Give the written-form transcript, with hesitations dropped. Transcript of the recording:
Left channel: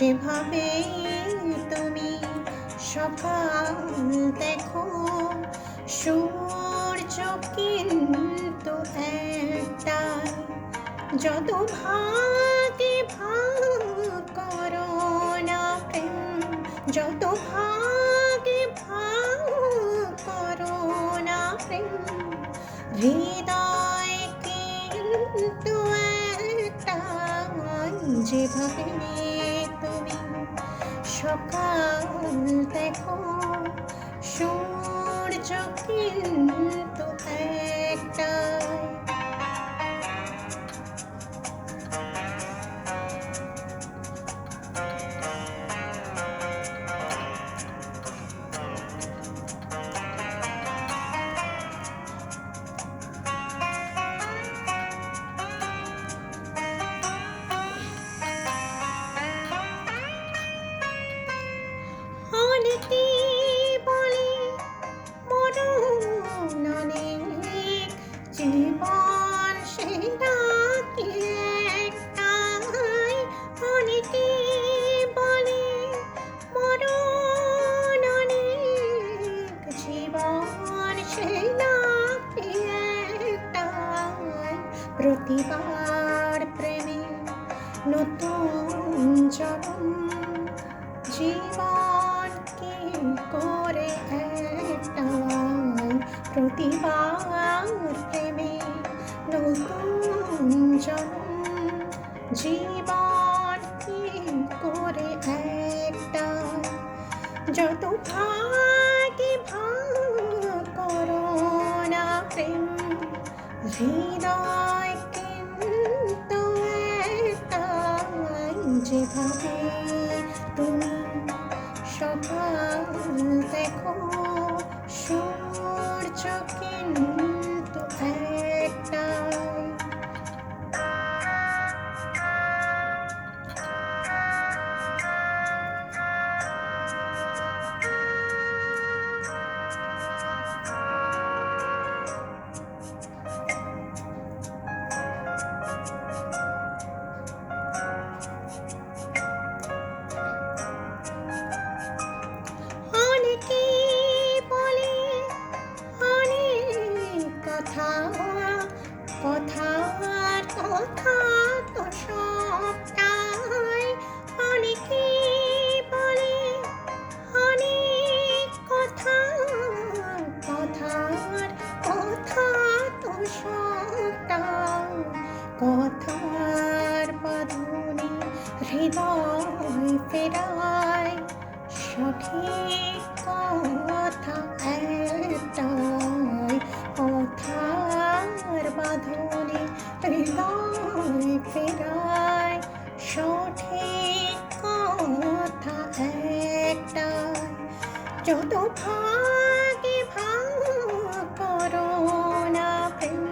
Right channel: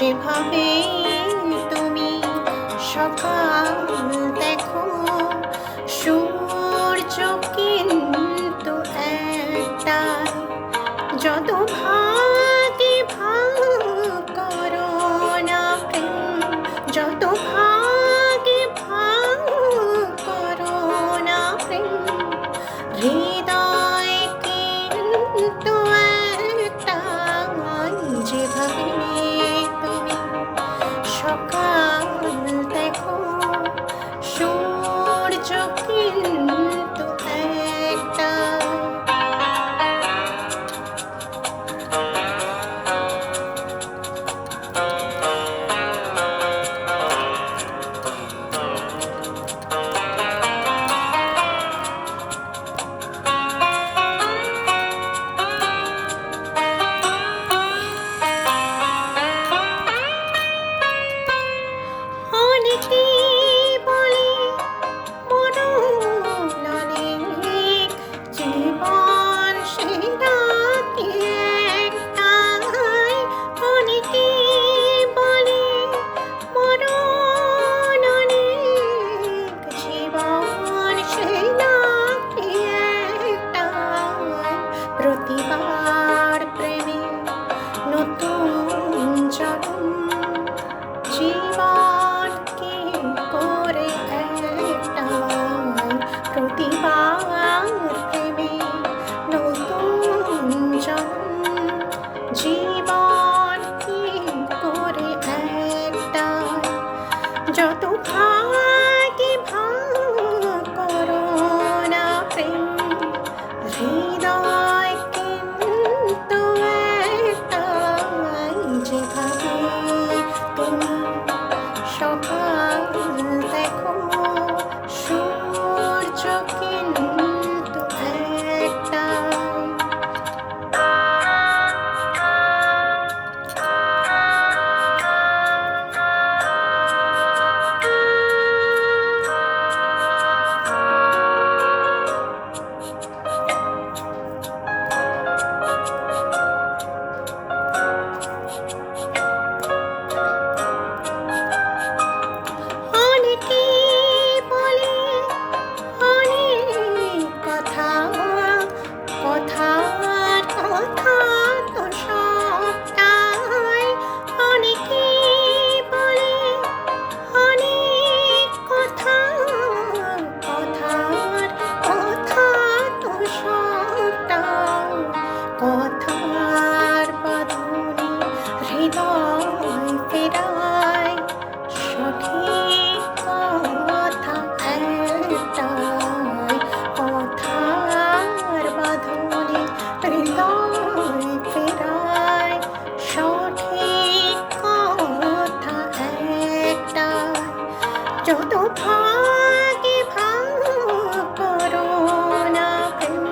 যেভাবে তুমি সকাল দেখো, সূর্য কিন্তু একটাই। যত ভাগে ভাগ করো না প্রেম, যত ভাগে ভাগ করো না প্রেম, হৃদয় কিন্তু একটাই। যেভাবে তুমি সকাল দেখো, সূর্য কিন্তু একটাই। অনেকেই বলে মরণ অনেক, জীবন সেটা কি একটাই। অনেকেই বলে মরণ অনেক, জীবন সেটা কি একটাই। প্রতিবার প্রেমে নতুন জন্ম, জীবন কি করে একটাই। প্রতিবার প্রেমে নতুন জন্ম, জীবন কি করে একটাই। যত ভাগে ভাগ করো না প্রেম, হৃদয় কিন্তু একটাই। যেভাবে তুমি সকাল দেখো, সূর্য কিন্তু একটাই। অনেকেই বলে অনেক কথা, কথার কথা তো সবটাই। অনেকেই বলে অনেক কথা, কথার কথা তো সবটাই। কথার বাঁধনে হৃদয় ফেরায়, সঠিক কথা একটাই। কথার বাঁধনে হৃদয় ফেরায়, সঠিক কথা একটাই। যত ভাগে ভাগ করো না প্রেম,